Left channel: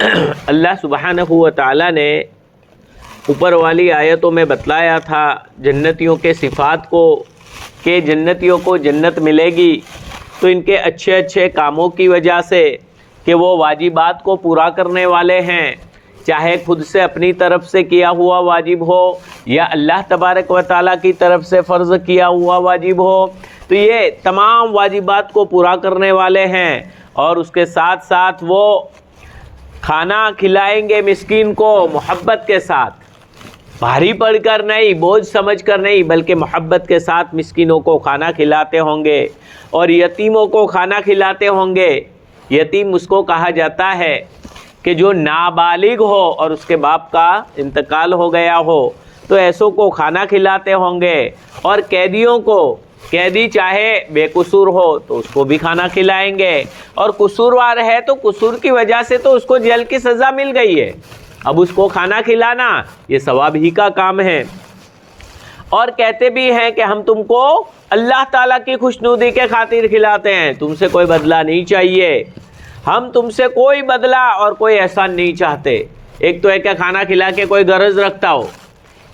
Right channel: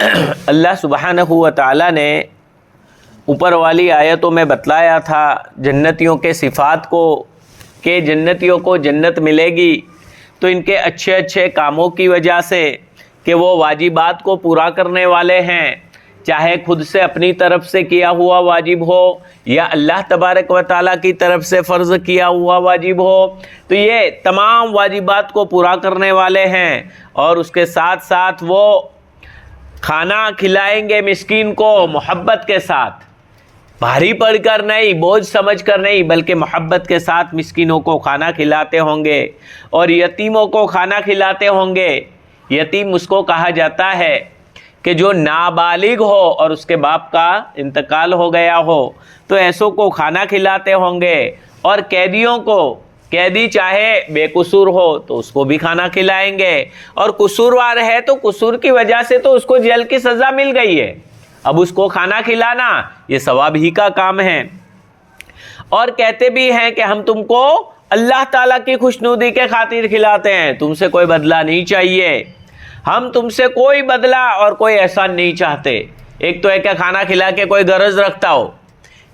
اللہ سبحانہ و تعالیٰ نے اوپر والی آیتوں میں بتلایا تھا جنتیوں کے صفات کو کہ جنتیوں کو جنت ملے گی تو ان کے اچھے اچھے کاموں کی وجہ سے کہ وہ واجبات کو پورا کرنے والے ہیں، چاہے خود سے اپنی طرف سے کیا ہوا واجب ہو یا اللہ تبارک و تعالیٰ کی طرف سے فرض کیا ہوا واجب ہو، تو یہ تمام واجبات کو پورا کرنے والے ہیں، اور اس کے ساتھ ساتھ وہ کھانا کھلائیں گے مسکین کو محبت کے ساتھ، بھاری پڑھ کر نہیں، بوجھ سمجھ کر نہیں، بلکہ محبت کے ساتھ مسکینوں کو کھانا کھلاتے ہوں گے، اور یتیموں کو کھانا کھلاتے ہوں گے۔ یتیم اس کو کہا جاتا ہے کہ جو نابالغ ہو اور اس کے باپ کا انتقال ہو گیا ہو، تو ایسوں کو کھانا کھلاتے ہوں گے، اور قیدیوں کو، قیدی چاہے بے قصور ہو تو اس کو بھی کھانا کھلائیں گے، اور قصوروار ہے تو قصور کی وجہ سے تو اس کو جیل کی سزا مل گئی ہے، اب اس کو کھانا کھلانا یہ ثواب ہی کا کام ہے۔ اور کہتے بھی ہیں کہ ہم تم کو اللہ تعالیٰ کی خوشنودی کے خاطر کھلاتے ہیں، تم سے کوئی بدلہ نہیں چاہیے، ہم تم سے کوئی بدلہ اور کوئی احسان نہیں چاہتے۔ ایک تو ہے کہ کھانا کھلا کے کوئی غرض رکھتا ہو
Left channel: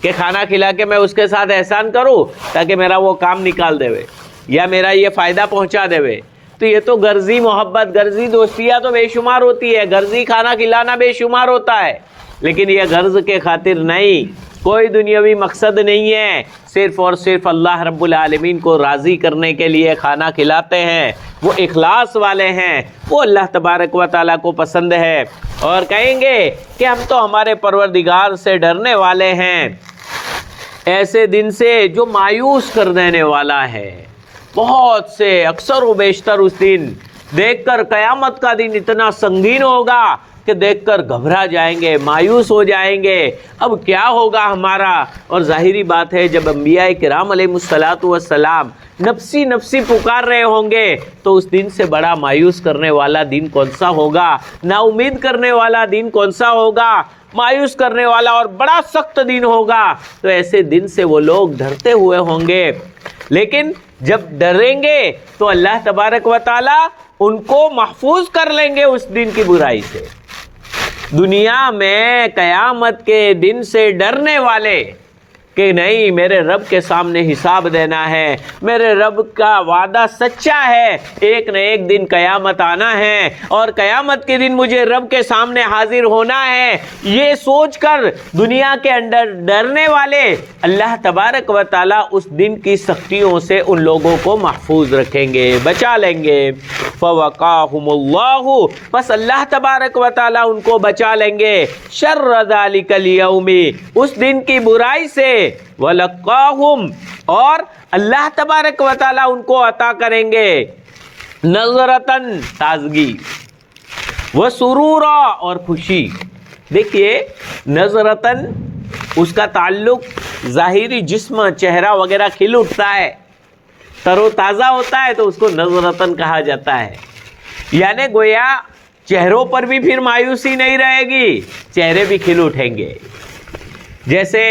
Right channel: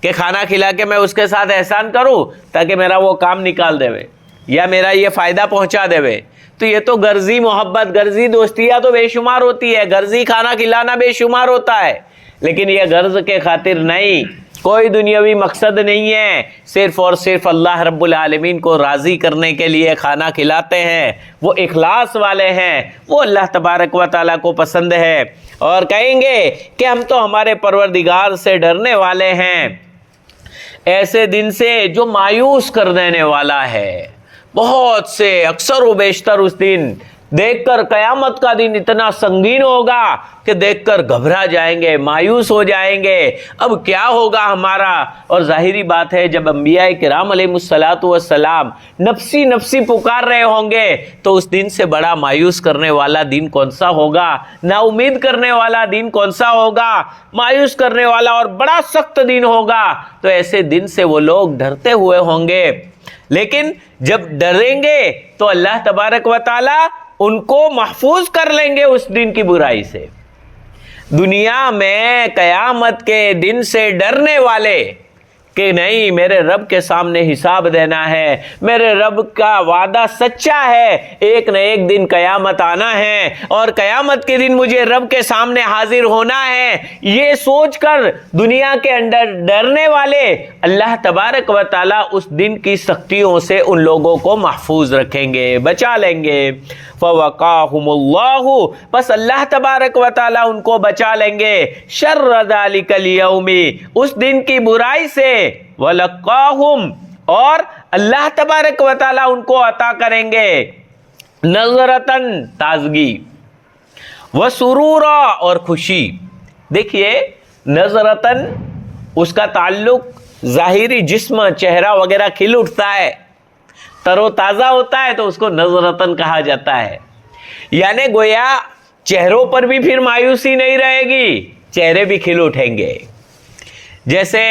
کہ کھانا کھلا کے میں اس کے ساتھ احسان کروں تاکہ میرا وہ کام نکال دے یا میرا یہ فائدہ پہنچا دے، تو یہ تو غرضی محبت، غرضی دوستیاں تو بے شمار ہوتی ہے، غرضی کھانا کھلانا بے شمار ہوتا ہے، لیکن یہ غرض کے خاطر نہیں، کوئی دنیاوی مقصد نہیں ہے، صرف اور صرف اللہ رب العالمین کو راضی کرنے کے لیے کھانا کھلاتے ہیں، وہ اخلاص والے ہیں، وہ اللہ تبارک و تعالیٰ کو پسند ہے، اور کہیں گے کہ ہم تو ہمارے پروردگار سے ڈرنے والے ہیں، ایسے دن سے جو مایوس کر دینے والا ہے۔ بہت سے اکثر و بیشتر اس دن دیکھ کر، قیامت کا دن اتنا سنگین ہوگا کہ دیکھ کر گھبرا جائیں گے، مایوس ہو جائیں گے، اب کیا ہوگا ہمارا۔ اور ظاہری بات ہے جب انبیاء کرام علیہ السلام نفسی نفسی پکار رہے ہوں گے تو اس دن سے بڑا مایوس کرنے والا دن کون سا ہوگا، نا امید کرنے والا دن کون سا ہوگا، مایوس کرنے والا اور بڑا سخت دن ہوگا۔ تو ایسے دن سے وہ لوگ ڈرتے ہوئے ہوں گے، لیکن جب ڈریں گے تو اللہ تبارک و تعالی ان کو محفوظ کر لیں گے اس دن کی برائی سے۔ دنیا میں قیامت کے دن سے ڈرنے والے کہ نہیں، میرے رب کے سامنے حساب دینا ہے، میرے رب کا وعدہ سچا ہے، ایک نہ ایک دن قیامت آنا ہے، اور قیامت کے دن مجھے رب کے سامنے حاضر ہونا ہے، یہ سوچ کر دنیا کے اندر ڈرنے والے اللہ تبارک و تعالیٰ اس دن کی سختیوں سے ان لوگوں کو محفوظ رکھیں گے، بچا لیں گے۔ فَوَقَاهُمُ اللَّهُ، بس اللہ تبارک و تعالیٰ ان کو بچا لیں گے، شر ذَلِكَ الْيَوْمِ، اس دن کی برائی سے، وَلَقَّاهُمْ، اور اللہ تبارک و تعالیٰ ان کو عطا کریں گے نظرتاً، تازگی، وسرورا، اور خوشی۔ دیکھیے نظرتاً اس کا تعلق ظاہری جسم، چہرہ وغیرہ کھل اٹھتا ہے، تر و تازہ ہوتا ہے تو اس کو نظرتاً کہا جاتا ہے، یعنی گویا چہروں پر بھی پھر مایوسی نہیں رہے گی، چہرے بھی کھل اٹھیں گے۔ جیسے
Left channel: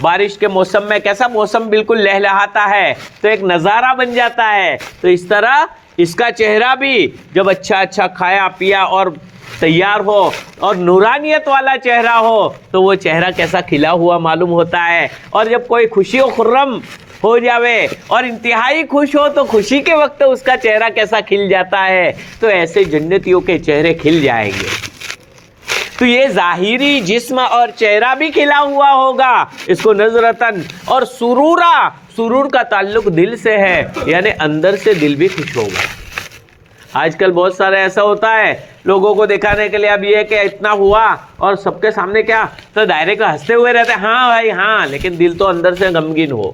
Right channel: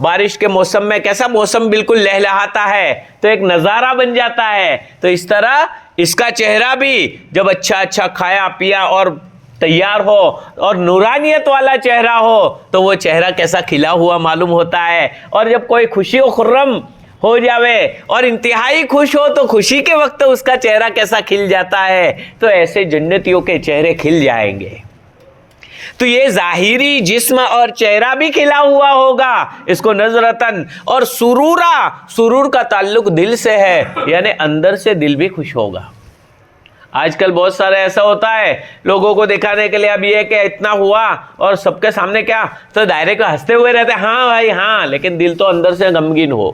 بارش کے موسم میں کیسا موسم بالکل لہلہاتا ہے تو ایک نظارہ بن جاتا ہے، تو اس طرح اس کا چہرہ بھی جب اچھا اچھا کھایا پیا اور تیار ہو اور نورانیت والا چہرہ ہو تو وہ چہرہ کیسا کھلا ہوا معلوم ہوتا ہے، اور جب کوئی خوشی و خرم ہو جاوے اور انتہائی خوش ہو تو خوشی کے وقت اس کا چہرہ کیسا کھل جاتا ہے، تو ایسے جنتیوں کے چہرے کھل جائیں گے۔ تو یہ ظاہری جسم اور چہرہ بھی کھلا ہوا ہوگا، اس کو نظرتاً، اور سرورا، سرور کا تعلق دل سے ہے، یعنی اندر سے دل بھی خوش ہوگا۔ آج کل بہت سارے ایسا ہوتا ہے، لوگوں کو دکھانے کے لیے اب یہ کہ اتنا ہوا اور سب کے سامنے کیا تو ڈائریکٹ ہنستے ہوئے رہتے ہیں، ہاں بھائی ہاں، لیکن دل تو اندر سے غمگین ہو،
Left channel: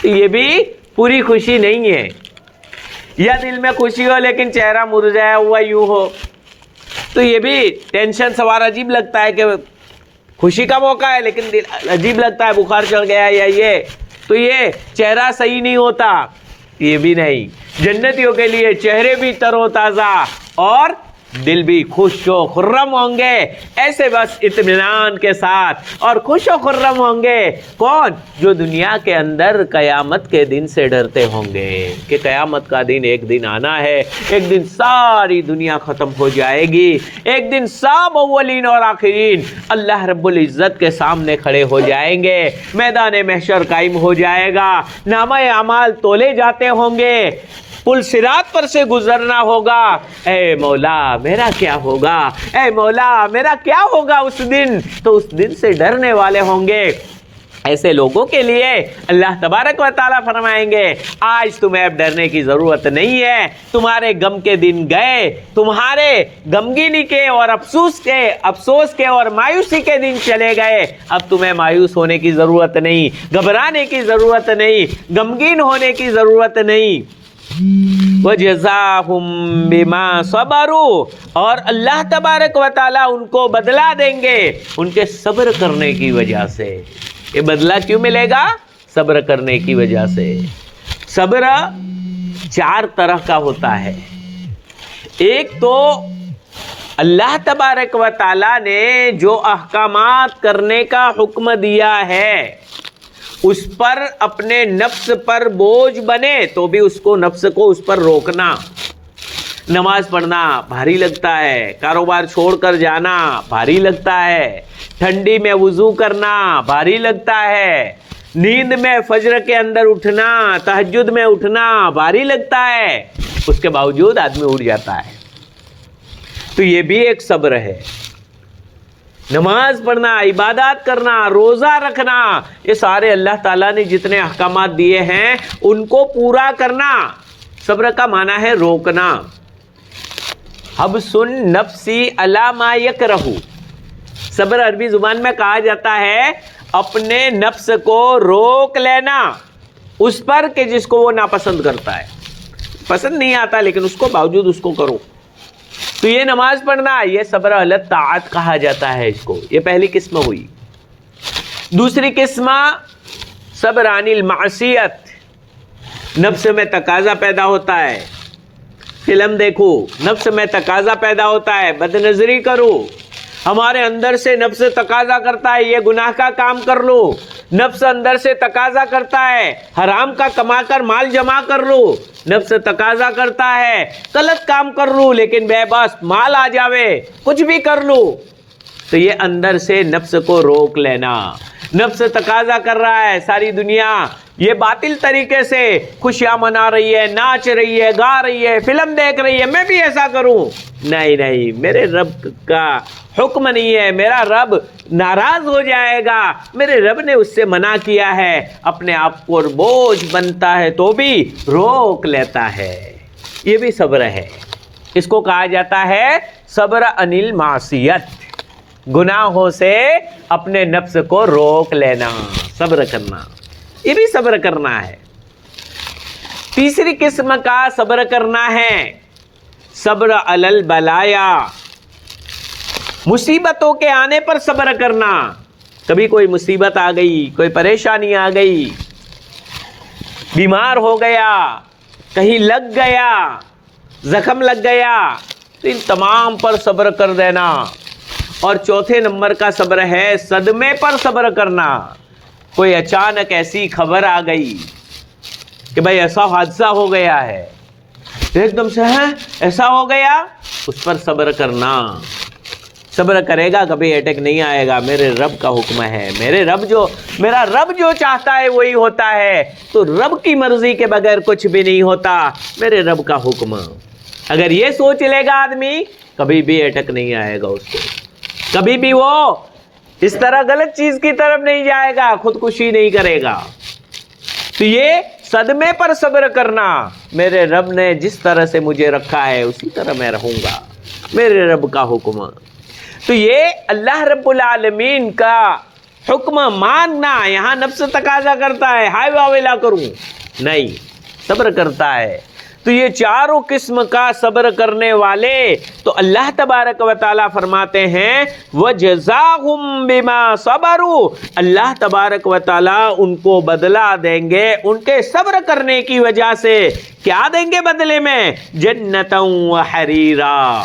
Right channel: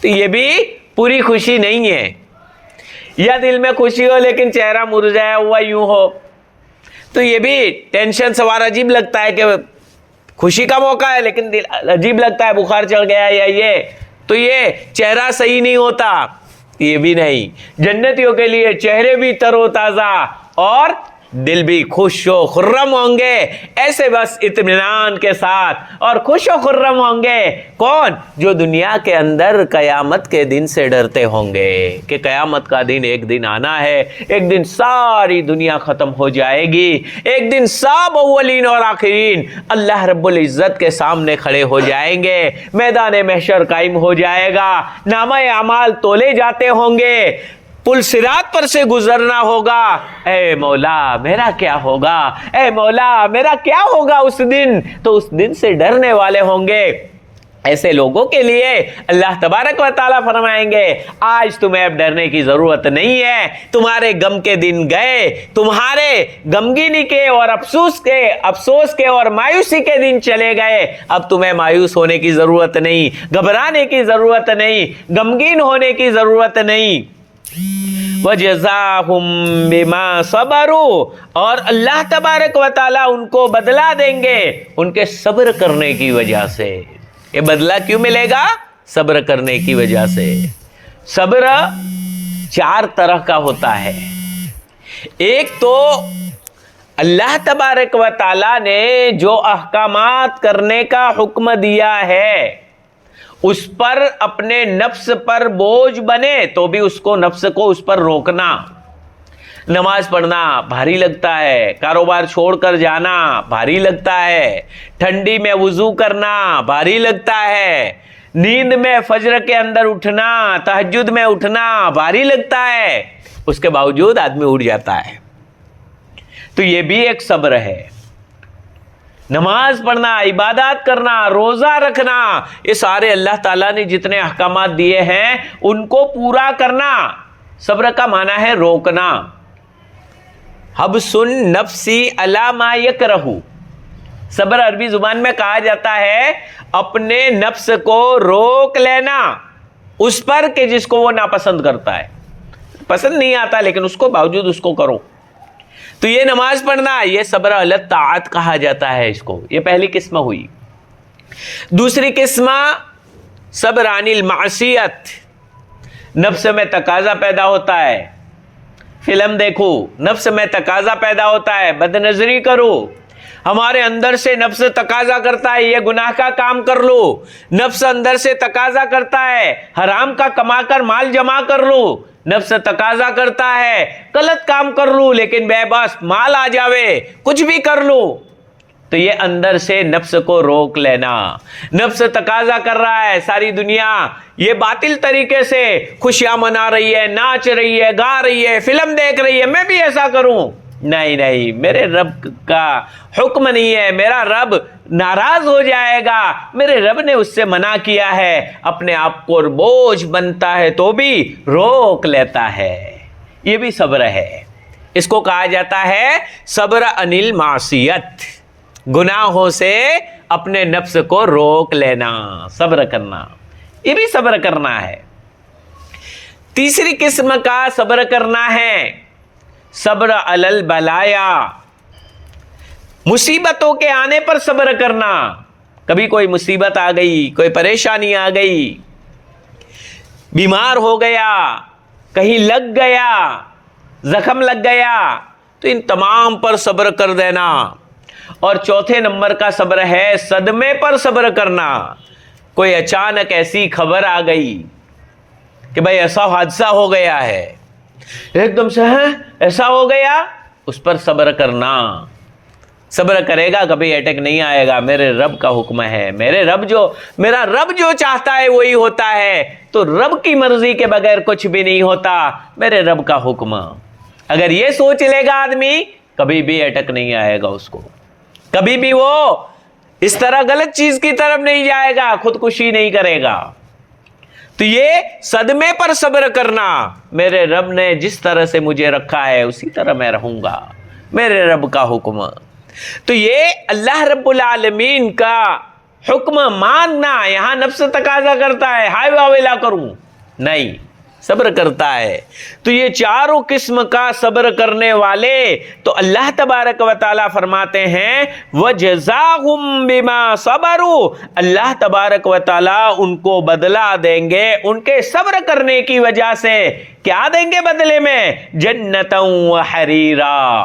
تو یہ بھی پوری خوشی نہیں ہے۔ یا دل میں خوشی ہو لیکن چہرہ مرجھایا ہوا یوں ہو، تو یہ بھی ٹینشن سوار عجیب لگتا ہے کہ خوشی کا موقع ہے لیکن دل عجیب لگتا ہے، بخار چڑھ گیا یا یہ، تو یہ چہرہ صحیح نہیں ہوتا، یہ بھی نہیں۔ جنتیوں کے لیے چہرے بھی تر و تازہ اور دل بھی خوش و خرم ہوں گے، ایسے بس اطمینان کے ساتھ اور خوش و خرم ہوں گے۔ کون؟ جو دنیا کے اندر قیامت کے دن سے ڈرتے ہوں گے کہ قیامت کا دن ایک دن آنا ہے، ایک دن ساری دنیا ختم ہو جائے گی، ایک دن سب اولین اور آخرین اللہ رب العزت کے سامنے کھڑے ہو جائیں گے، میدان محشر قائم ہو جائے گا، نامہ اعمال تولے جاتے ہوں گے، پل صراط پر سے گزرنا ہوگا۔ اے مولا میرا کیا ہوگا، اے مولا میرا کیا ہوگا اس دن؟ تو اس دن سے ڈرنے والے ہوں گے۔ ایسے لوگوں کے لیے اللہ تبارک و تعالیٰ فرمائیں گے آج تمہیں اب ڈرنے کی ضرورت نہیں ہے، تمہارے غم کے دن گئے، تمہارے غمگینی کے اور افسوس کے اور مایوسی کے دن چلے گئے، اب تمہیں مایوس ہونے کی ضرورت نہیں، گھبرانے کی ضرورت نہیں، غمگین ہونے کی ضرورت نہیں۔ وَجَزَاهُمْ بِمَا صَبَرُوا، اور اللہ تبارک و تعالیٰ ان کو بدلہ دیں گے ان کے صبر کرنے کی وجہ سے۔ یہ بدلہ کیوں ملے گا؟ صبر کرنے کی وجہ سے۔ صبر 4 طرح کا ہوتا ہے۔ ایک تو اللہ تبارک و تعالیٰ نے جو احکامات کرنے کا حکم دیا ہے اس پر اپنے نفس پر بوجھ بنے تو بھی اس کو اس پر روکنا۔ نماز پڑھنا بھاری لگتا ہے، کاروبار چھوڑ کر جانا بھاری لگتا ہے، ٹھنڈی میں وضو کرنا بھاری لگتا ہے، نیند میں فجر کے اندر اٹھنا، تہجد میں اٹھنا بھاری لگتا ہے، اس کے باوجود آدمی اٹھ جاتا ہے۔ تو یہ بھی ایک صبر ہے۔ نماز پڑھنا، عبادات کرنا، روزہ رکھنا، یہ سارے اللہ تعالیٰ نے جتنے احکامات دیے ہیں ان کو پورا کرنا۔ صبر کا معنی ہے روکنا۔ حبس النفسی علی ما یکرہ، صبر عربی زبان میں کہا جاتا ہے اپنے نفس کو روک لینا اس پر کہ جس کو وہ ناپسند کرتا ہے، پسند نہیں آتا لیکن اس کو باوجود اس کو کرو۔ تو یہ نماز پڑھنا یہ صبر علی الطاعت کہا جاتا ہے اس کو، یہ پہلی قسم ہوئی۔ دوسری قسم صبر عن المعصیت، نفس میں تقاضا پیدا ہوتا ہے، فلم دیکھو، نفس میں تقاضا پیدا ہوتا ہے، بد نظری کرو، ہمارے اندر سے نفس تقاضا کرتا ہے یہ گناہ کا کام کر لو، نفس اندر سے تقاضا کرتا ہے حرام کا کما کر مال جمع کر لو، نفس تقاضا کرتا ہے غلط کام کر لو لیکن بے بس مال آ جاوے، کچھ بھی کر لو۔ تو یہ اندر سے نفس کو روک لینا۔ نفس تقاضا کر رہا ہے ساری دنیا یہ باطل طریقے سے خوشیاں منا رہی ہے، ناچ رہی ہے، گا رہی ہے، فلم دیکھ رہی ہے، میں بھی ایسا کروں۔ نہیں، میرے رب کا حکم نہیں ہے، میرا رب ناراض ہو جائے گا، میرے رب نے اس سے منع کیا ہے۔ اپنے آپ کو بوجھ بنتا ہے تو بھی روک لیتا ہے، یہ بھی صبر ہے۔ اس کو کہا جاتا ہے صبر عن المعصیت، گناہوں سے اپنے نفس کو روک لینا، صبر کرنا، یہ بھی صبر کرنا ہے۔ تیسری قسم کا صبر کرنا ہے صبر علی البلایا، مصیبتوں کے آنے پر صبر کرنا۔ کبھی کوئی مصیبت آ گئی، کوئی پریشانی آ گئی، بیمار ہو گیا، کہیں لگ گیا، زخم لگ گیا، تو ان تمام پر صبر کر دینا۔ اور چوتھے نمبر کا صبر ہے صدمے پر صبر کرنا۔ کوئی اچانک ایسی خبر آ گئی کہ بھائی ایسا حادثہ ہو گیا ہے، ایک دم سے ایسا ہو گیا، اس پر صبر کرنا۔ صبر کرے گا کبھی اٹیک نہیں آئے گا، میرے رب کا حکم ہے، میرا رب جو چاہتا ہے وہی ہوتا ہے، تو رب کی مرضی کے بغیر کچھ بھی نہیں ہوتا، میرے رب کا حکم۔ اگر یہ سوچ لے گا آدمی کبھی بھی اٹیک نہیں آئے گا اس کو، کبھی بھی وہ اس طرح غلط چیز کی طرف نہیں جائے گا، خودکشی نہیں کرے گا۔ تو یہ صدمے پر صبر کرنا، میرے رب نے جس طرح سے مجھے رکھا ہے اسی طرح میں رہوں گا، میرے رب کا حکم۔ تو یہ اللہ رب العالمین کا حکم ماننا۔ یہاں نفس تقاضا کرتا ہے ہائے واویلا کروں، نہیں، صبر کرتا ہے۔ تو یہ چاروں قسم کا صبر کرنے والے تو اللہ تبارک و تعالیٰ فرماتے ہیں وَجَزَاهُمْ بِمَا صَبَرُوا، اللہ تبارک و تعالیٰ ان کو بدلہ دیں گے ان کے صبر کرنے کی وجہ سے۔ کیا دیں گے بدلے میں؟ جنتاً وحریرا،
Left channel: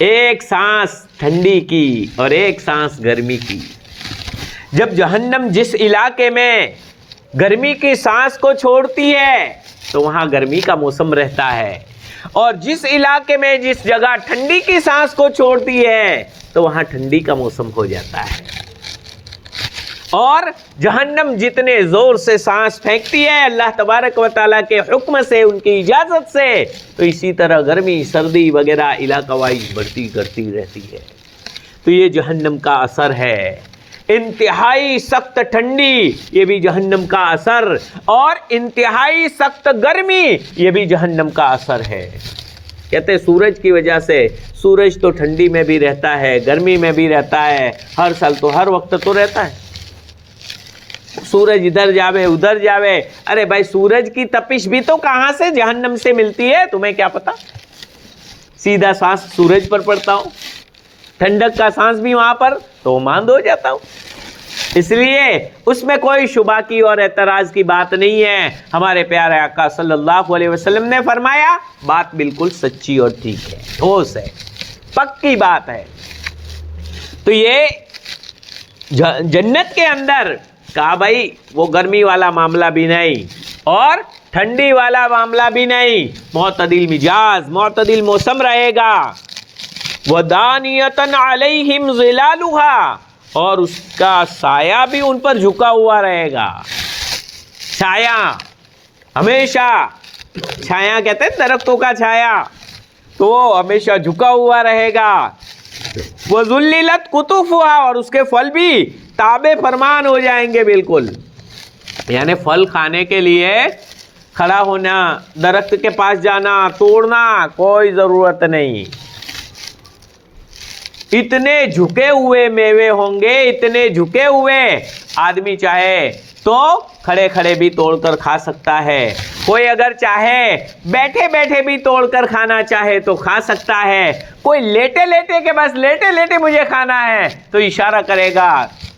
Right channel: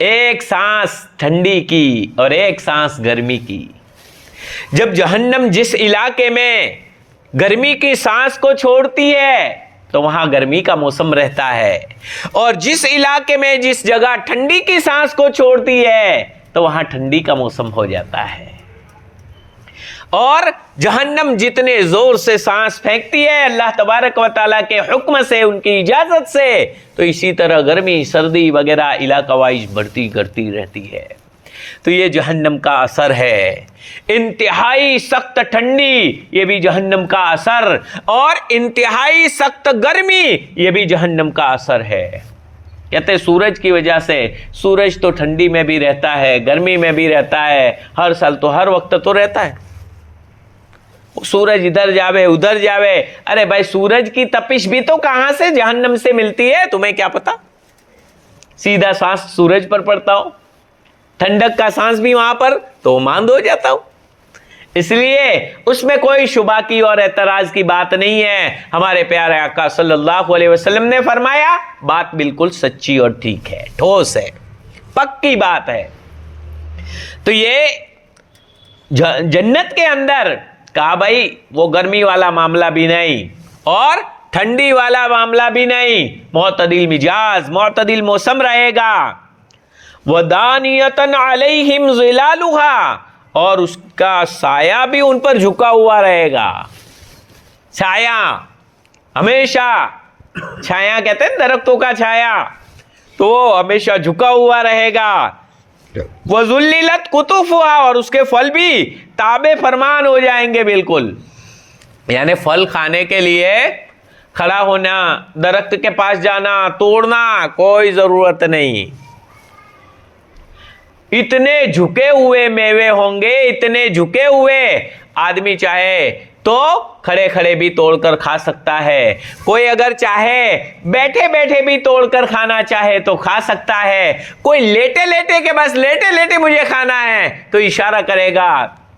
ایک سانس ٹھنڈی کی اور ایک سانس گرمی کی. جب جہنم جس علاقے میں گرمی کی سانس کو چھوڑتی ہے تو وہاں گرمی کا موسم رہتا ہے, اور جس علاقے میں جس جگہ ٹھنڈی کی سانس کو چھوڑتی ہے تو وہاں ٹھنڈی کا موسم ہو جاتا ہے. اور جہنم جتنے زور سے سانس پھینکتی ہے اللہ تبارک و تعالیٰ کے حکم سے, ان کی اجازت سے, تو اسی طرح گرمی سردی وغیرہ علاقہ وائز بڑھتی کرتی رہتی ہے. تو یہ جہنم کا اثر ہے. انتہائی سخت ٹھنڈی یہ بھی جہنم کا اثر, اور انتہائی سخت گرمی یہ بھی جہنم کا اثر ہے. کہتے سورج کی وجہ سے, سورج تو ٹھنڈی میں بھی رہتا ہے, گرمی میں بھی رہتا ہے, ہر سال تو ہر وقت تو رہتا ہے. سورج ادھر جاوے ادھر جاوے, ارے بھائی سورج کی تپش بھی تو کہاں سے, جہنم سے ملتی ہے, تمہیں کیا پتا؟ سیدھا سانس سورج پر پڑتا ہو, ٹھنڈک کا سانس بھی وہاں پر, تو ماند ہو جاتا ہو. اس لیے اس میں کوئی شبہ کی اور اعتراض کی بات نہیں ہے. ہمارے پیارے آقا صلی اللہ علیہ وسلم نے فرمایا بات بالکل سچی اور ٹھیک ہے, ٹھوس ہے, پکی بات ہے. تو یہ جنت کے اندر کہا بھائی وہ گرمی والا معاملہ بھی نہیں اور ٹھنڈی والا معاملہ بھی نہیں, معتدل مزاج معتدل موسم رہے گا. وَدَانِيَةً عَلَيْهِمْ ظِلَالُهَا, اور اس کا سایہ بھی ان پر جھکا ہوا رہے گا. چھایا ہمیشہ, چھایا کہتے ہیں درختوں کا چھایا, تو ہمیشہ جھکا ہوا رہے گا. وَذُلِّلَتْ قُطُوفُهَا, اور اس کے پھل بھی تابع فرمان ہو جائیں گے بالکل. یعنی پھل کھانے کے لیے کھڑا ہونا, درخت کے پاس جانا, توڑنا کوئی ضرورت نہیں. اتنے جھکے ہوئے میوے ہوں گے, اتنے جھکے ہوئے, آدمی چاہے تو کھڑے کھڑے بھی توڑ کر کھا سکتا ہے. کوئی اگر چاہے بیٹھے بیٹھے بھی توڑ کر کھانا چاہے تو کھا سکتا ہے. کوئی لیٹے لیٹے کہ بس لیٹے لیٹے مجھے کھانا ہے تو اشارہ کرے گا,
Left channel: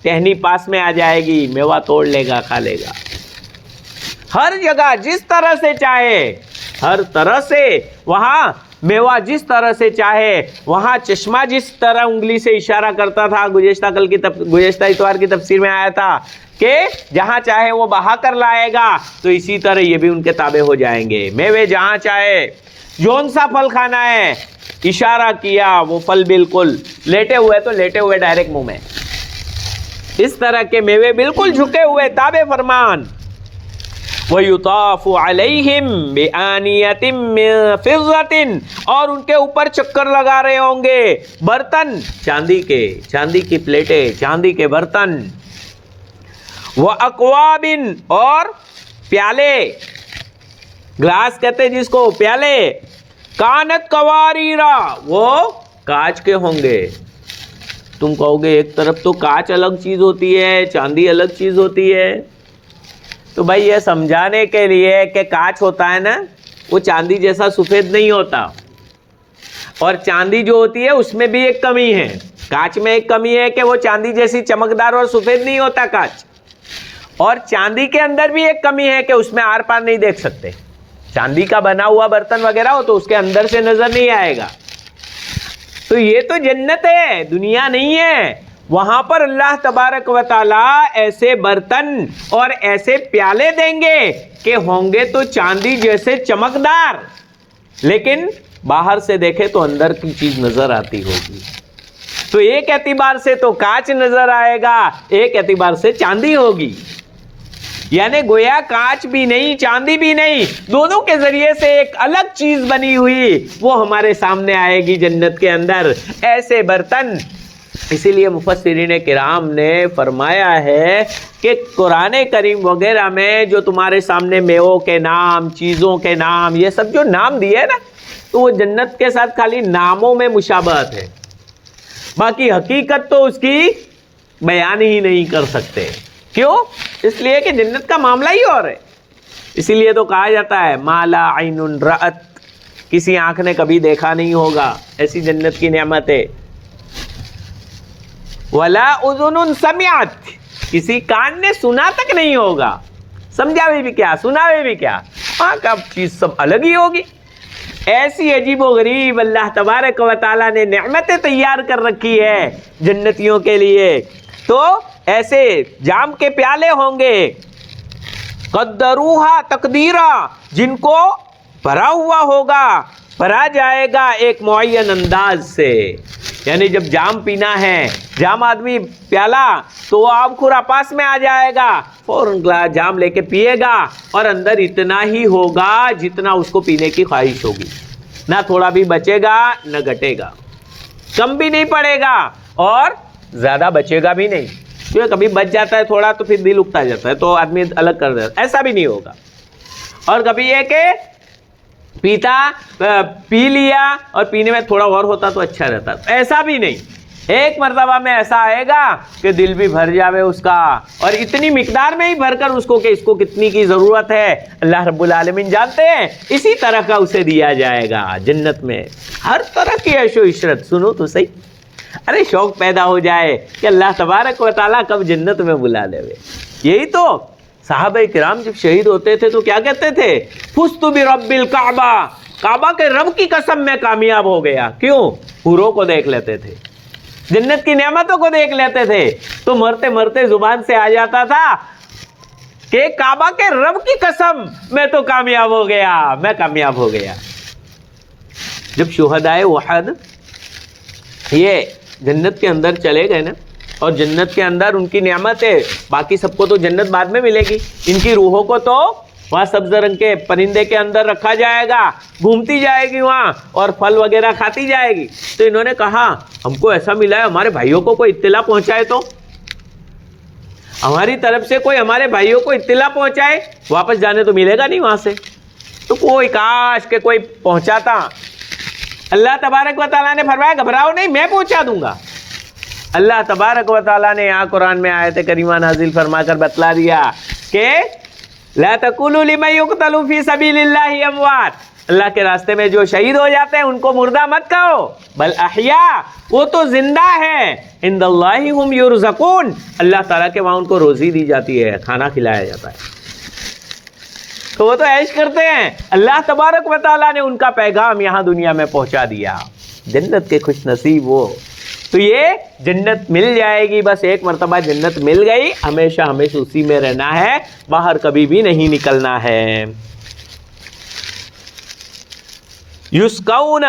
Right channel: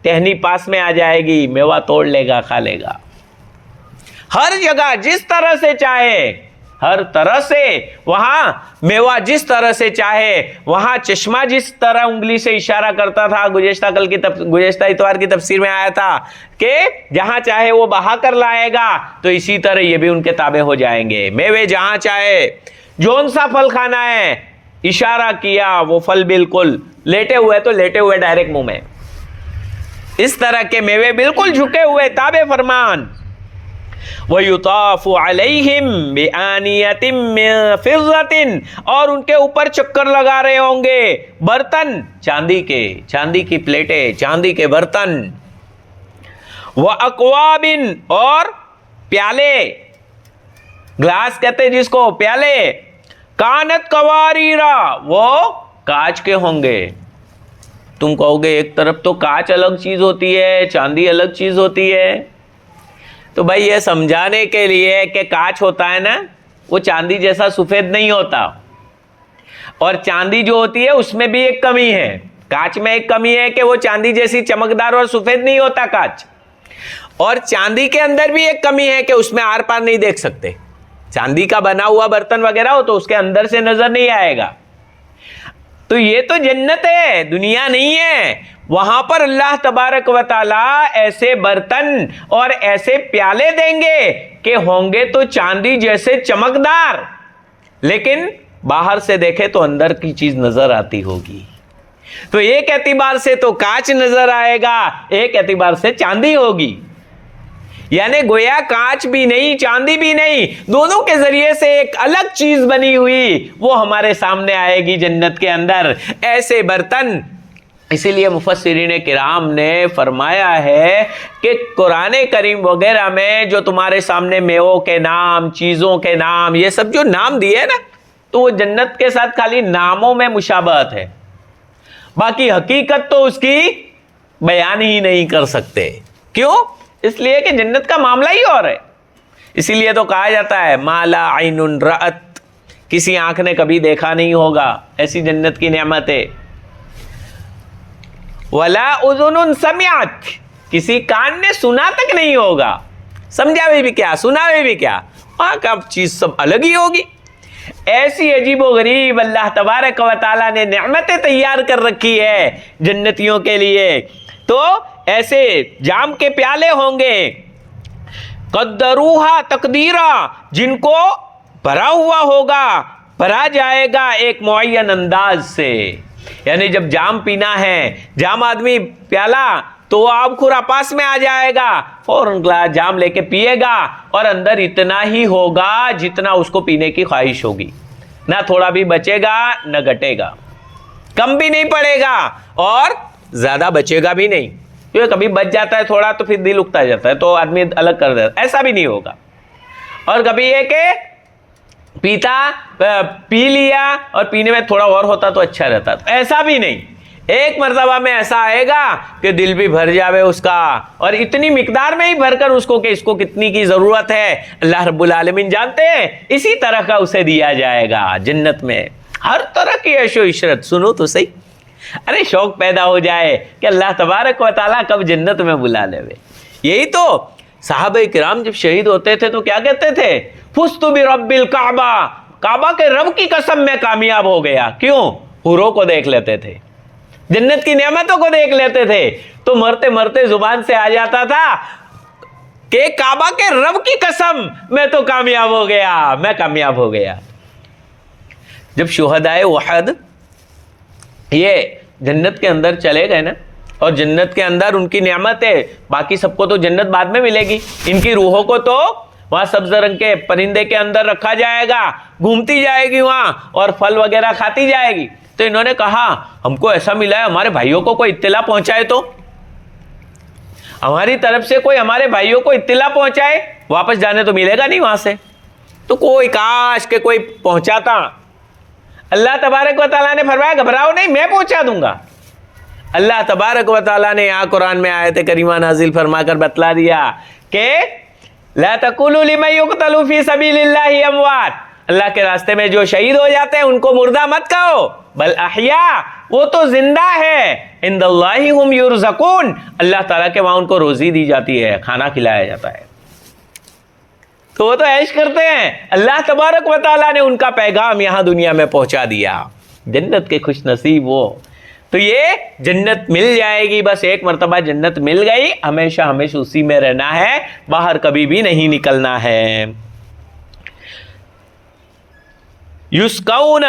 ٹہنی پاس میں آ جائے گی, میوہ توڑ لے گا, کھا لے گا. ہر جگہ جس طرح سے چاہے, ہر طرح سے وہاں میوہ جس طرح سے چاہے, وہاں چشمہ جس طرح انگلی سے اشارہ کرتا تھا, گزشتہ اتوار کی تفسیر میں آیا تھا کہ جہاں چاہے وہ بہا کر لائے گا, تو اسی طرح یہ بھی ان کے تابع ہو جائیں گے. میوے جہاں چاہے, جون سا پھل کھانا ہے, اشارہ کیا وہ پھل بالکل لیٹے ہوئے تو لیٹے ہوئے ڈائریکٹ منہ میں, اس طرح کے میوے بالکل جھکے ہوئے تابع فرمان. وَيُطَافُ عَلَيْهِمْ بِآنِيَةٍ مِّن فِضَّةٍ, اور ان کے اوپر چکر لگا رہے ہوں گے برتن چاندی کے, چاندی کی پلیٹیں, چاندی کے برتن. وَأَقْوَابٍ, اور پیالے, گلاس کہتے ہیں جس کو, پیالے. کانت قواریرا, وہ کانچ کے ہوں گے. تم کہو گے ایک طرف تو کانچ الگ چیز ہوتی ہے, چاندی الگ چیز ہوتی ہے. تو بھائی یہ سمجھانے کے لیے کہ کانچ ہوتا ہے نا, وہ چاندی جیسا سفید نہیں ہوتا, اور چاندی جو ہوتی ہے اس میں بھی ایک کمی ہے. کانچ میں ایک کمی ہے کہ وہ چاندی جیسی چمکدار اور سفید نہیں ہوتا کانچ, اور چاندی کے اندر بھی ایک کمی ہے کہ اس میں آر پار نہیں دیکھ سکتے. چاندی کا بنا ہوا برتن وغیرہ ہو تو اس کے اندر سے نظر نہیں آئے گا. تو یہ تو جنت ہے, دنیا نہیں ہے. وہاں پر اللہ تبارک و تعالیٰ ایسے برتن اور ایسے پیالے دیں گے کہ ہوں گے تو چاندی جیسے چمکدار, لیکن باہر سے دیکھے تو اندر کی چیز نظر آتی ہوگی. تو ایک اعتبار سے تو کانچ نظر آئے گا, ایک اعتبار سے چاندی ہوگی. یعنی گویا کانچ بھی نہیں چاندی بھی نہیں, دونوں کے ذریعے سے ایک الگ چیز بنی ہوئی وہ ہمارے سامنے آئے گی جنت کے اندر, ایسے برتن. اسی لیے مفسرین کرام نے فرمایا ہے کہ قرآن کریم وغیرہ میں جو تمہارے سامنے میووں کے نام, چیزوں کے نام, یہ سب جو نام دیے نا, تو وہ جنت کے ساتھ خالی ناموں میں مشابہت ہے, باقی حقیقت تو اس کی بیان ہی نہیں کر سکتے. کیوں؟ اس لیے کہ جنت کا معاملہ ہی اور ہے. اسی لیے تو کہا جاتا ہے ما لا عین رأت, کسی آنکھ نے کبھی دیکھا نہیں ہوگا ایسی جنت کی نعمتیں. ولا اذن سمعت, کسی کان نے سنا تک نہیں ہوگا. سمجھا بھی کیا, سنا بھی کیا, وہاں کا چیز سب الگ ہی ہوگی. ایسی عجیب و غریب اللہ تبارک و تعالیٰ نے نعمتیں تیار کر رکھی ہے جنتیوں کے لیے. تو ایسے جام کے پیالے ہوں گے قدروہا تقدیرا، جن کو بھرا ہوا ہوگا، بھرا جائے گا ایک معین انداز سے. یعنی جب جام پینا ہے، جام آدمی پیالہ تو آب خورا پاس میں آ جائے گا، فوراً گلاس جام لے کے پیے گا، اور اندر اتنا ہی ہوگا جتنا اس کو پینے کی خواہش ہوگی. نہ تھوڑا بھی بچے گا نہ گھٹے گا، کم بھی نہیں پڑے گا اور زیادہ بچے گا بھی نہیں. کیونکہ کبھی بچ جاتا ہے تھوڑا تو پھر دل اکتا جاتا ہے تو آدمی الگ کر دیتا ہے، ایسا بھی نہیں ہوگا. اور کبھی یہ کہ پی لیا اور پینے میں تھوڑا اور ہوتا تو اچھا رہتا، ایسا بھی نہیں. ایک مرتبہ میں ایسا آئے گا کہ دل بھی بھر جاوے اس کا، اور اتنی مقدار میں ہی بھر کر اس کو کہ اس کو کتنی کی ضرورت ہے اللہ رب العالمین جانتے ہیں. اسی طرح کا اسے دیا جائے گا جنت میں ہر طرح کی عیش و عشرت. سنو تو صحیح، ارے شوق پیدا ہو جائے کہ اللہ تبارک و تعالیٰ کب جنت میں بلا لے. یہی تو صحابہ کرام جب شہید ہوتے تھے تو کیا کہتے تھے؟ فزت برب الکعبہ، کعبہ کے رب کی قسم میں کامیاب ہو گیا. کیوں؟ حوروں کو دیکھ لیتے تھے، جنت کی نعمتوں کو دیکھ لیتے تھے، تو مرتے مرتے زبان سے آ جاتا تھا کہ کعبہ کے رب کی قسم میں تو کامیاب ہو گیا، میں کامیاب ہو گیا. جب شہدائے احد یہ جنت کے اندر چلے گئے نا، اور جنت کے اندر ان کی نعمت ہے، باقی سب کو تو جنت بعد میں ملے گی، ان کی روحوں کو تو وہاں سبز رنگ کے پرندے کے اندر رکھا جائے گا، گھومتی جائے گی وہاں اور پھل وغیرہ کھاتی جائے گی. تو انہوں نے کہا ہم کو ایسا ملا ہے، ہمارے بھائیوں کو کوئی اطلاع پہنچائے، تو ہماری طرف سے کوئی ہمارے بھائیوں کو اطلاع پہنچائے. واپس جانے تو ملے گا نہیں وہاں سے، تو کوئی کاش کہ کوئی پہنچاتا. اللہ تبارک و تعالیٰ نے فرمایا گھبراؤ نہیں، میں پہنچا دوں گا. اللہ تبارک و تعالیٰ نے یہاں قرآن میں آیت کریمہ نازل فرما کر بتلا دیا کہ لا تقولوا لمن يقتل في سبيل الله اموات، اللہ کے راستے میں جو شہید ہو جاتے ہیں ان کو مردہ مت کہو، بل احیاء، وہ تو زندہ ہے، عند اللہ هم يرزقون، اللہ تعالیٰ کے وہاں ان کو روزی دی جاتی ہے، کھانا کھلایا جاتا ہے. تو وہ تو عیش کرتے ہیں. اللہ تبارک و تعالیٰ نے ان کا پیغام یہاں دنیا میں پہنچا دیا. جنت کے خوش نصیب وہ. تو یہ جنت مل جائے گی، بس ایک مرتبہ جنت مل گئی، ہمیشہ ہمیشہ اسی میں رہنا ہے، باہر کبھی بھی نہیں نکلنا ہے. یسقون،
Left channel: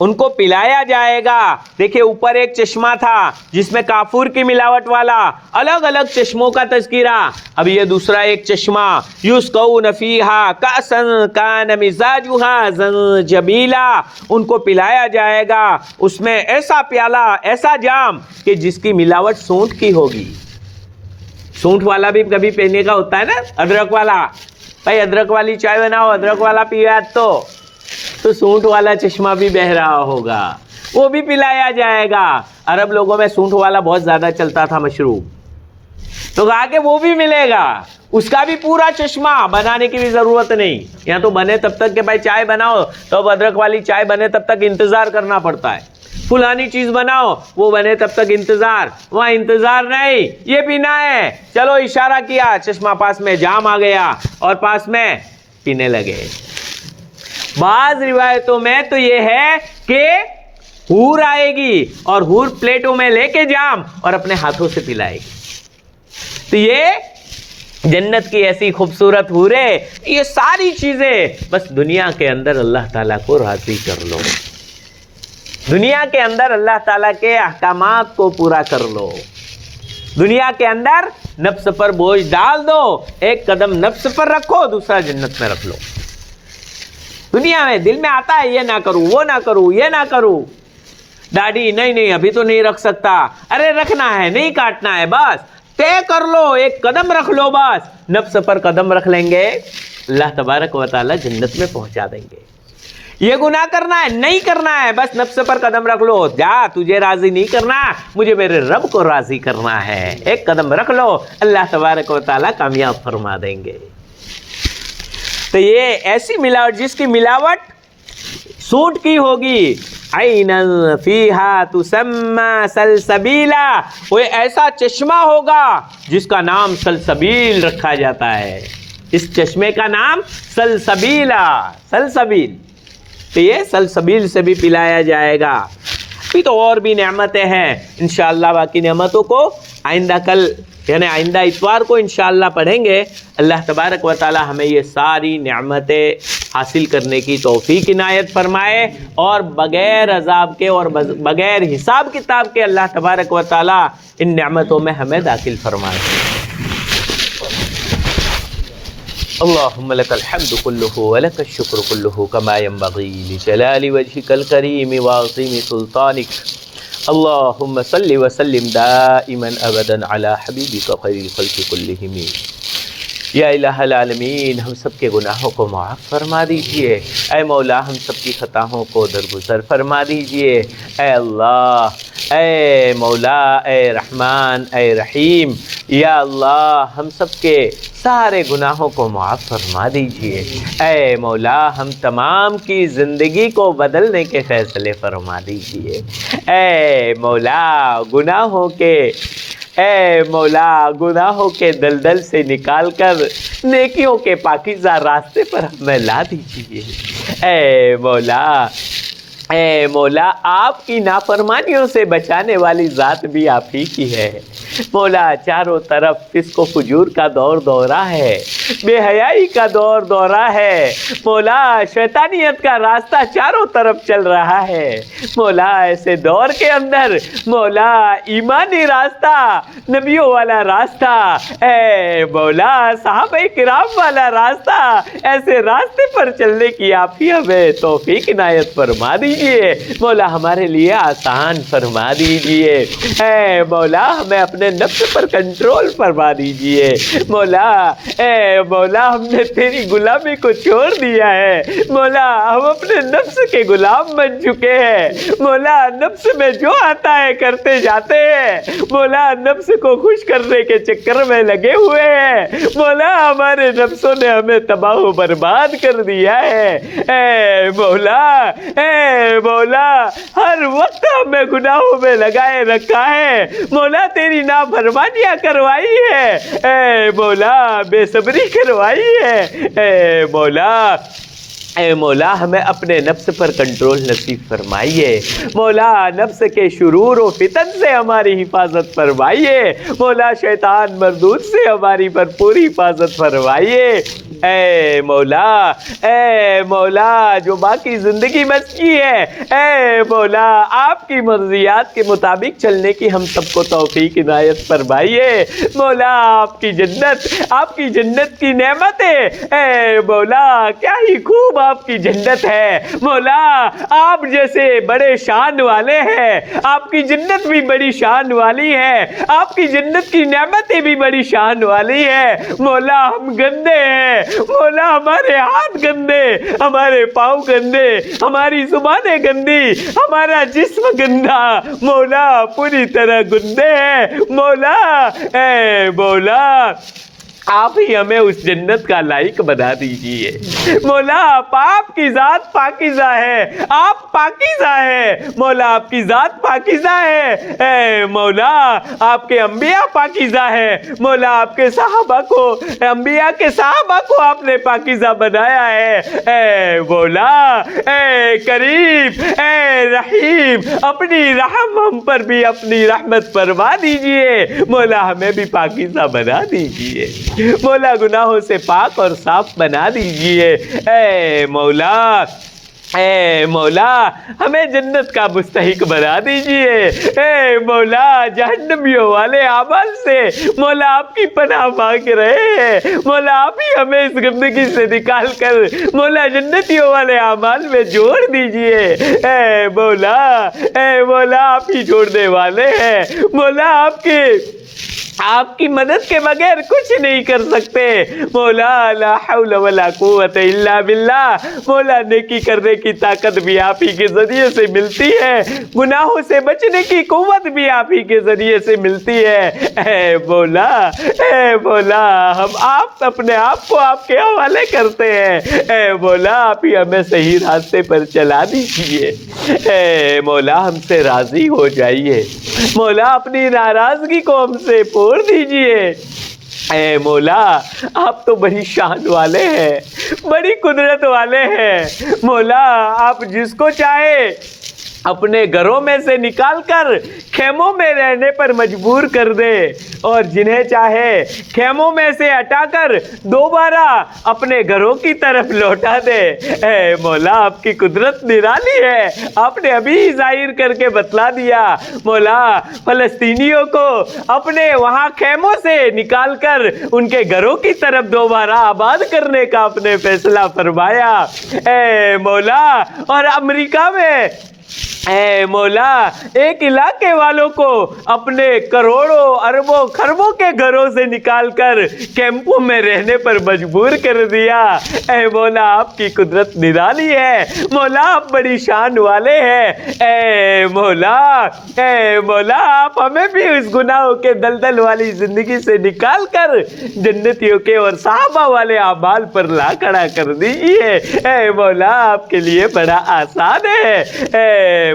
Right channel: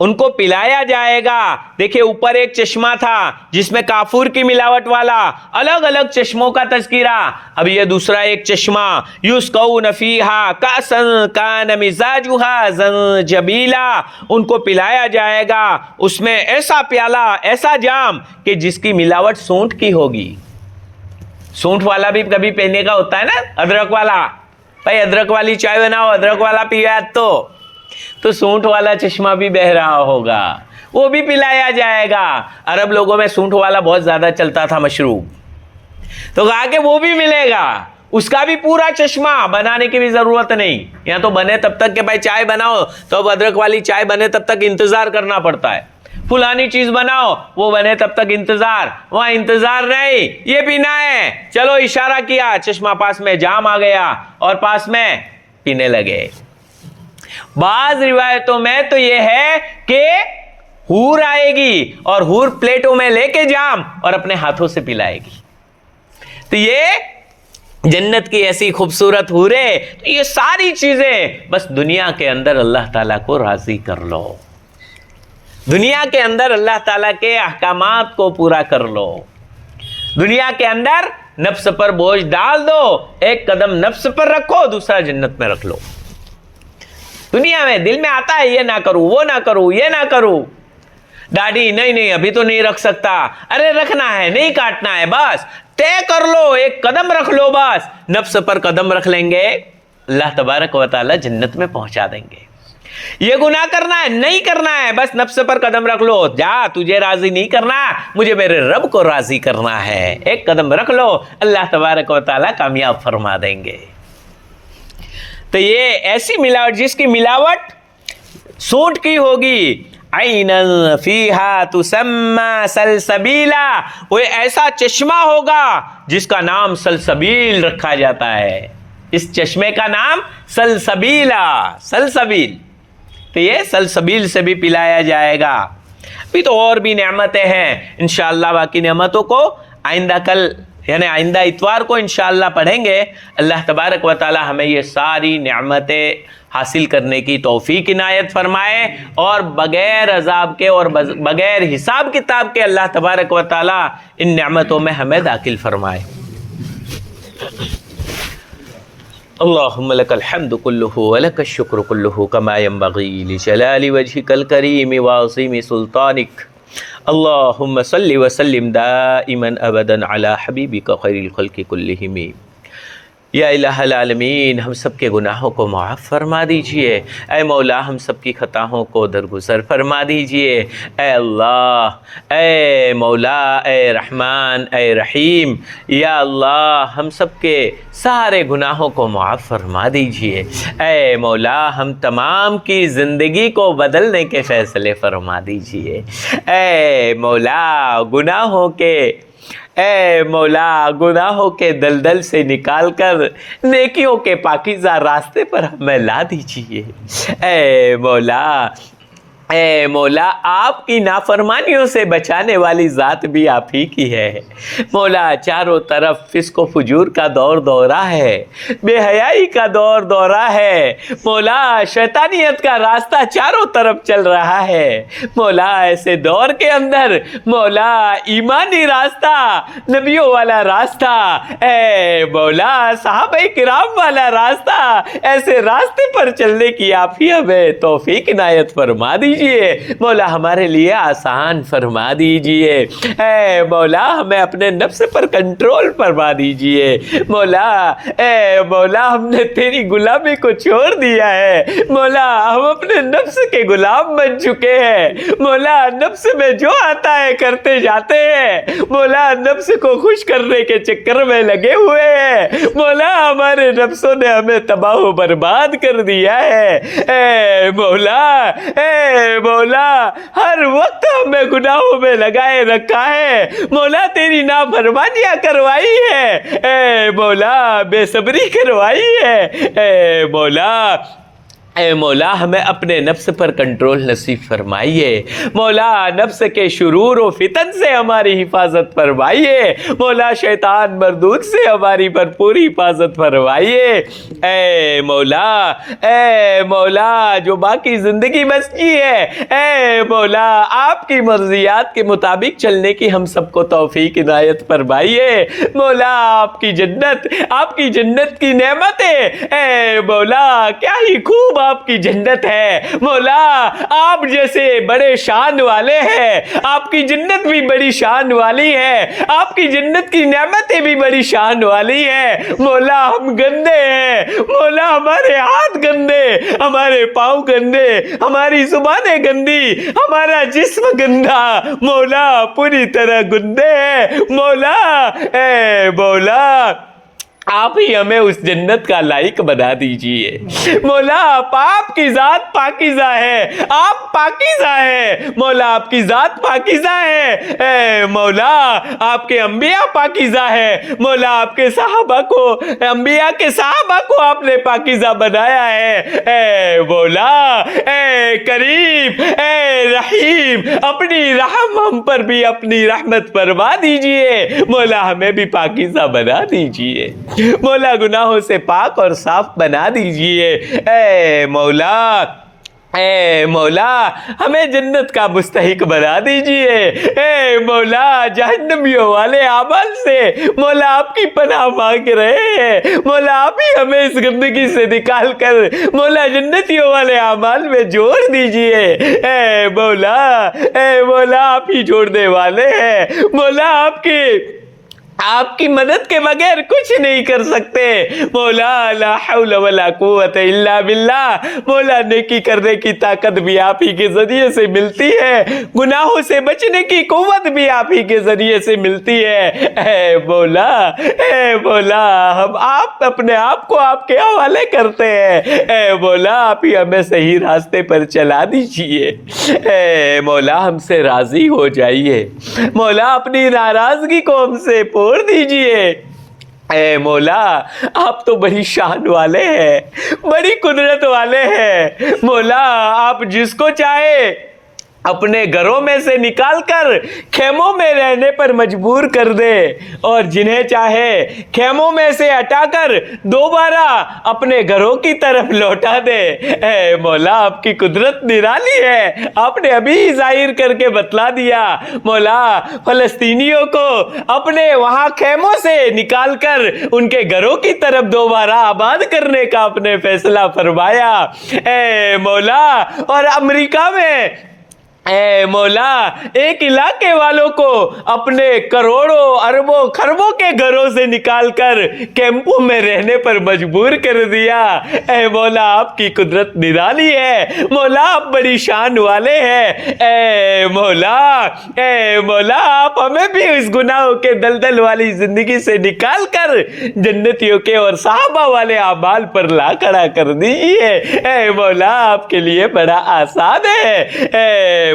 ان کو پلایا جائے گا. دیکھیں اوپر ایک چشمہ تھا جس میں کافور کی ملاوٹ والا، الگ الگ چشموں کا تذکرہ. اب یہ دوسرا ایک چشمہ، یسقون فیہا کأسا کان مزاجہا زنجبیلا، ان کو پلایا جائے گا اس میں ایسا پیالہ، ایسا جام کہ جس کی ملاوٹ سونٹ کی ہوگی. سونٹ والا بھی کبھی پینے کا ہوتا ہے نا، ادرک والا. بھائی ادرک والی چائے بناؤ، ادرک والا پیا تو سونٹ والا چشمہ بھی بہ رہا ہوگا، وہ بھی پلایا جائے گا. عرب لوگوں میں سونٹ والا بہت زیادہ چلتا تھا مشروب، تو کہا کہ وہ بھی ملے گا، اس کا بھی پورا چشمہ، بنانے کی بھی ضرورت نہیں. یہاں تو بنے تب تک کہ بھائی چائے بناؤ تو اب ادرک والی چائے بنے تب تک انتظار کرنا پڑتا ہے. فلانی چیز بناؤ وہ بنے تب تک انتظار، وہاں انتظار نہیں، یہ پینا ہے، چلو اشارہ کیا، چشمہ پاس میں، جام آ گیا اور پاس میں پینے لگے. بعض روایتوں میں تو یہ ہے کہ حور آئے گی اور حور پلیٹوں میں لے کے جام اور اپنے ہاتھوں سے پلائے گی. تو یہ جنت کی ایسی خوبصورت حوریں، یہ ساری چیزیں بس دنیا کے اندر اللہ تعالیٰ کو راضی کر لو، دنیا کے اندر اللہ تعالیٰ کے احکامات کو پورا کر لو، دنیا کے اندر نفس پر بوجھ ڈال دو، ایک قدم نفس پر رکھو، دوسرا جنت میں رکھ لو. دنیا میں دل میں آتا ہے یہ نہ کروں، وہ نہ کروں، یہ نہ کروں، داڑھی نہیں ابھی تو نہیں رکھ سکتا، ارے رکھنا ہے، نہیں کاٹنا ہے، بس طے کر لو، ایک قدم رکھ لو، بس نفس پر قدم رکھ لیں گے، اللہ تبارک و تعالی جنت میں پہنچا دیں گے. یہ گناہ کرنا ہے، نہیں کرنا ہے، بس نفس پر قدم رکھ لو، جا تجھے راضی نہیں کرنا، مجھے میرے رب کو راضی کرنا ہے، ایک قدم رکھ لو، اللہ تبارک و تعالی کامیاب فرما دیں گے. تو یہ ایسی ملاوٹ جس کی ملاوٹ سونٹ کی ہوگی، عیناً فیہا تسمی سلسبیلا، وہ ایسا چشمہ ہوگا جس کا نام سلسبیل رکھا جاتا ہے. اس چشمے کا نام سلسبیلا، سلسبیل. تو یہ سلسبیل سے بھی پلایا جائے گا. ابھی تو اور بھی نعمتیں ہیں انشاءاللہ. باقی نعمتوں کو آئندہ کل یعنی آئندہ اتوار کو انشاءاللہ پڑھیں گے. اللہ تبارک و تعالی ہمیں یہ ساری نعمتیں حاصل کرنے کی توفیق عنایت فرمائے اور بغیر عذاب کے اور بغیر حساب کتاب کے اللہ تبارک و تعالی ان نعمتوں میں ہمیں داخل فرمائے. اللهم لك الحمد كله ولك الشكر كله كما ينبغي لجلال وجهك الكريم وعظيم سلطانك. اللهم صل وسلم دائما ابدا على حبيبك خير الخلق كلهم. یا الہ العالمین ہم سب کے گناہوں کو معاف فرما دیجئے. اے مولا ہم سب کی خطاؤں کو درگزر فرما دیجئے. اے اللہ، اے مولا، اے رحمان، اے رحیم، یا اللہ ہم سب کے سارے گناہوں کو معاف فرما دیجئے. اے مولا ہم تمام کی زندگی کو بدلنے کے فیصلے فرما دیجئے. اے مولا گناہوں کے دلدل سے نکال کر نیکیوں کے پاکیزہ راستے پر ہمیں لا دیجئے. اے مولا آپ کی نافرمانیوں سے بچانے والی ذات بھی آپ ہی کی ہے. مولا چاروں طرف فسق و فجور کا دور دورہ ہے، بے حیائی کا دور دورہ ہے. مولا شیطانیت کا راستہ چاروں طرف چل رہا ہے. مولا ایسے دور کے اندر مولا ایمانی راستہ، نبیوں والا راستہ، اے مولا صحابہ کرام والا راستہ، ایسے راستے پر چلنے کی آپ ہی ہمیں توفیق عنایت فرما دیجیے. مولا ہمارے لیے آسان فرما دیجئے. اے مولا ہمیں اپنے نفس پر کنٹرول فرما دیجئے. مولا اے مولا ہم نے تیری غلامی کو چھوڑ دیا ہے. مولا ہم اپنے نفس کے غلام بن چکے ہیں. مولا نفس میں جو آتا ہے کرتے جاتے ہیں. مولا نفس کو خوش کرنے کے چکر میں لگے ہوئے ہیں. مولا ہمارے نفسوں نے ہمیں تباہ و برباد کر دیا ہے. اے مولا ہر وقت ہمیں گناہوں میں لگائے رکھا ہے. مولا تیری نافرمانیاں کروائی ہے. اے مولا بے صبری کروائی ہے. اے مولا ہمیں اپنے نفس پر کنٹرول نصیب فرمائیے. مولا نفس کے شرور و فتن سے ہماری حفاظت فرمائیے. مولا شیطان مردود سے ہماری بھرپور حفاظت فرمائیے. اے مولا جو باقی زندگی بچی ہے، اے مولا آپ کی مرضیات کے مطابق چلنے کی ہم سب کو توفیق عنایت فرمائیے. مولا آپ کی جنت کی نعمتیں، اے مولا کیا ہی خوب آپ کی جنت ہے. مولا آپ جیسے بڑے شان والے ہیں، آپ کی جنت بھی بڑی شان والی ہے. آپ کی جنت کی نعمتیں بھی بڑی شان والی ہے. مولا ہم گندے ہیں. مولا ہمارے ہاتھ گندے، ہمارے پاؤں گندے، ہماری زبانیں گندی، ہمارا جسم گندا. مولا پوری طرح گندے ہیں. مولا اے مولا آپ ہی ہمیں اس جنت کا لائق بنا دیجئے. مولا آپ کی ذات پاکیزہ ہے، آپ پاکیزہ ہے. مولا آپ کی ذات پاکیزہ ہے. اے مولا آپ کے انبیاء پاکیزہ ہے. مولا آپ کے صحابہ کو، انبیاء کے صحابہ کو آپ نے پاکیزہ بنایا ہے. اے مولا اے کریم، اے رحیم، اپنی رحم ہم پر بھی اپنی رحمت فرما دیجئے. مولا ہمیں بھی پاکیزہ بنا دیجئے. مولا گناہوں سے پاک اور صاف بنا دیجئے. اے مولا ہمیں جنت کا مستحق بنا دیجئے. اے مولا جہنمیوں والے اعمال سے مولا آپ کی پناہ مانگ رہے ہیں. مولا آپ ہی ہمیں اس گندگی سے نکال کر مولا جنتیوں والے اعمال میں جوڑ دیجئے. اے مولا آپ ہی جوڑنے والے ہیں. مولا آپ کی مدد کے بغیر کچھ نہیں کر سکتے. مولا لا حول ولا قوت الا باللہ. مولا نیکی کرنے کی طاقت بھی آپ ہی کے ذریعے سے ملتی ہے، گناہوں سے بچنے کی قوت بھی آپ ہی کے ذریعے سے ملتی ہے. اے مولا ہم اپنے آپ کو آپ کے حوالے کرتے ہیں. اے مولا آپ ہی ہمیں صحیح راستے پر چلا دیجیے. اے مولا ہم سے راضی ہو جائیے. مولا اپنی ناراضگی کو ہم سے پھوڑ دیجیے. اے مولا آپ تو بڑی شان والے ہیں، بڑی قدرت والے ہیں۔ مولا آپ جس کو چاہے اپنے گھروں میں سے نکال کر خیموں میں رہنے پر مجبور کر دے، اور جنہیں چاہے خیموں میں سے ہٹا کر دوبارہ اپنے گھروں کی طرف لوٹا دے۔ اے مولا آپ کی قدرت نرالی ہے، آپ نے ابھی ظاہر کر کے بتلا دیا۔ مولا فلسطینیوں کو اپنے وہاں خیموں سے نکال کر ان کے گھروں کی طرف دوبارہ آباد کرنے کا آپ نے فیصلہ فرمایا۔ اے مولا اور امریکہ میں اے مولا ایک علاقے والوں کو اپنے کروڑوں اربوں خربوں کے گھروں سے نکال کر کیمپوں میں رہنے پر مجبور کر دیا۔ اے مولا آپ کی قدرت نرالی ہے، مولا آپ بڑی شان والے ہیں۔ اے مولا آپ ہمیں بھی اس گناہوں کے دلدل والی زندگی سے نکال کر جنتیوں کے اور صحابہ والے اعمال پر لا کھڑا کر دیجیے۔ اے مولا آپ کے لیے بڑا آسان ہے۔ اے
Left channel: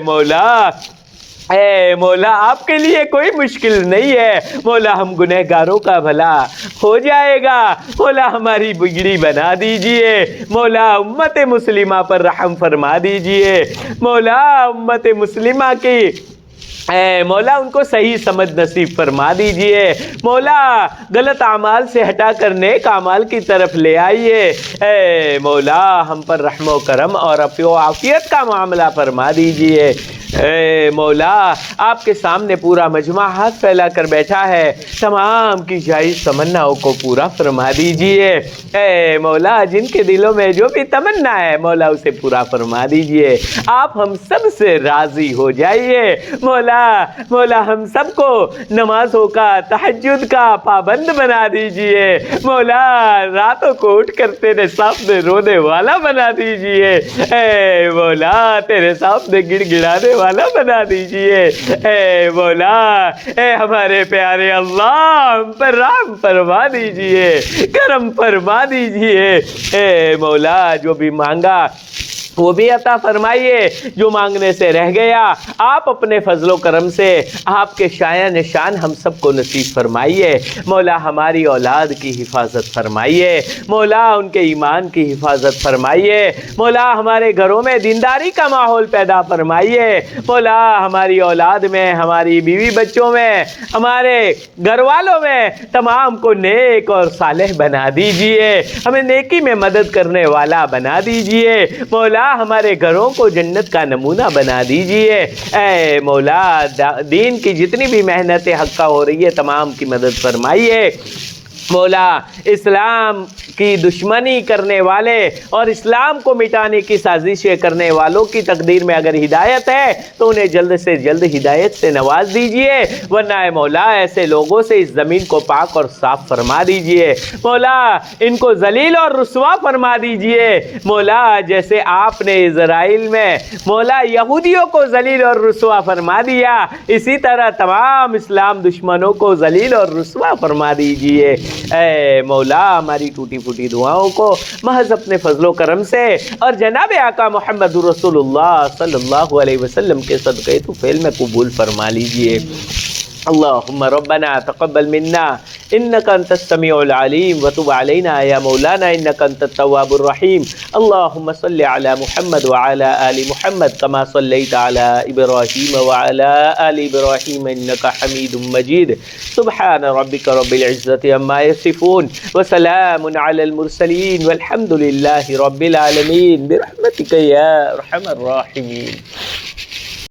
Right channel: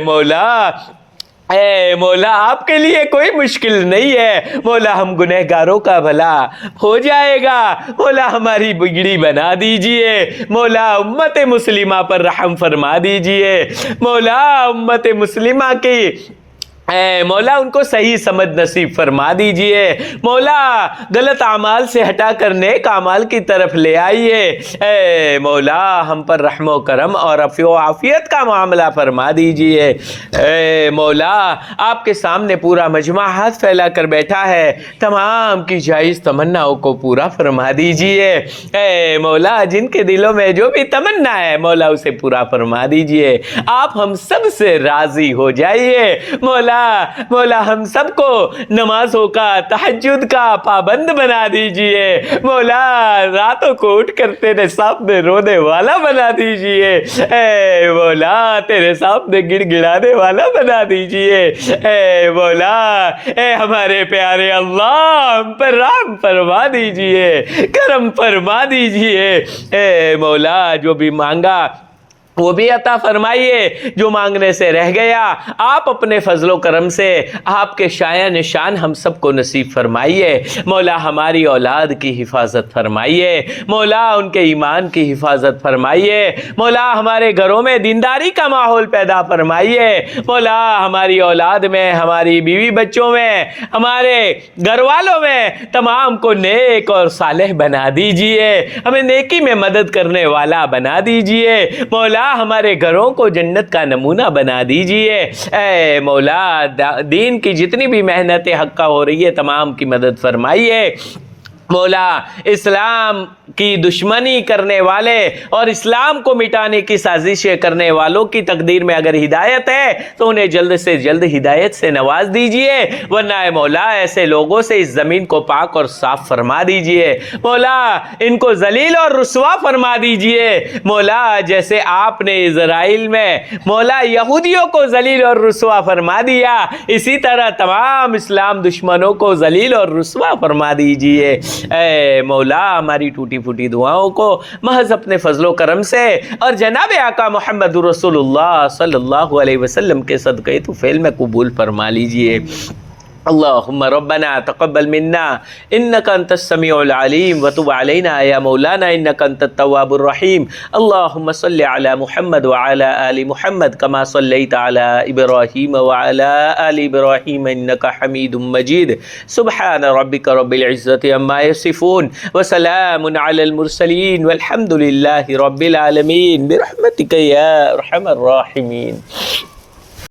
مولا آپ کے لیے کوئی مشکل نہیں ہے۔ مولا ہم گنہگاروں کا بھلا ہو جائے گا، مولا ہماری بگڑی بنا دیجئے۔ مولا امت مسلمہ پر رحم فرما دیجئے۔ مولا امت مسلمہ کی اے مولا ان کو صحیح سمجھ نصیب فرما دیجئے۔ مولا غلط اعمال سے ہٹا کر نیک اعمال کی طرف لے آئیے۔ اے مولا ہم پر رحم و کرم اور عفو و عافیت کا معاملہ فرما دیجئے۔ اے مولا آپ کے سامنے پورا مجمع ہاتھ پھیلا کر بیٹھا ہے، تمام کی جائز تمناؤں کو پورا فرما دیجئے۔ اے مولا جن کے دلوں میں جو بھی تمنا ہے مولا اسے پورا فرما دیجئے۔ آپ ہم سب سے راضی ہو جائیے۔ مولا ہم سب کو نمازوں کا تہجد کا پابند بنا دیجئے۔ مولا راتوں کو اٹھ کر تیرے سامنے رونے والا بنا دیجئے۔ اے مولا تیرے سامنے گڑ گڑانے والا بنا دیجئے۔ اے مولا اے ہمارے پیارے اللہ ہم پر رحم فرما دیجئے، کرم فرما دیجئے۔ اے مولا جو بھی مانگا وہ بھی عطا فرمائیے، جو مانگنے سے رہ گیا آپ اپنے فضل و کرم سے آپ کے شایع نشان ہم سب کو نصیب فرمائیے۔ مولا ہماری اولاد کی حفاظت فرمائیے، مولا ان کے ایمان کی حفاظت فرمائیے، مولا ہمارے گھروں میں دینداری کا ماحول پیدا فرمائیے، مولا ہماری اولاد میں، ہماری بیوی بچوں میں، ہمارے گھر والوں میں تمام کو نیک اور صالح بنا دیجئے، ہمیں نیکی میں مدد کرنے والا بنا دیجئے۔ مولا ہمارے گھروں کو جنت کا نمونہ بنا دیجئے۔ اے مولا دین کی جتنی بھی محنتیں حقہ ہو رہی ہے تمام کی مدد فرمائیے۔ مولا اسلام کی دشمنی کرنے والے اور اسلام کو مٹانے کی سازشیں کرنے والوں کی تقدیر میں اگر ہدایت ہے تو انہیں جلد سے جلد ہدایت سے نواز دیجئے، ورنہ اے مولا ایسے لوگوں سے اس زمین کو پاک اور صاف فرما دیجئے۔ مولا ان کو ذلیل اور رسوا فرما دیجئے۔ مولا جیسے آپ نے اسرائیل میں مولا یہودیوں کو ذلیل اور رسوا فرما دیا، اسی طرح تمام اسلام دشمنوں کو ذلیل اور رسوا فرما دیجئے۔ اے مولا ہماری ٹوٹی پھوٹی دعاؤں کو محض اپنے فضل و کرم سے اور جناب آقا محمد رسول اللہ صلی اللہ علیہ وسلم کے صدقے تو فعل میں قبول فرما لیجئے۔ اللهم ربنا تقبل منا انك انت السميع العليم وتب علينا يا مولانا انك انت التواب الرحيم. اللهم صل على محمد وعلى ال محمد كما صليت على ابراهيم وعلى ال ابراهيم انك حميد مجيد. سبحان ربك رب العزة عما يصفون وسلام على المرسلين والحمد لله رب العالمين برحمتك يا ارحم الراحمين.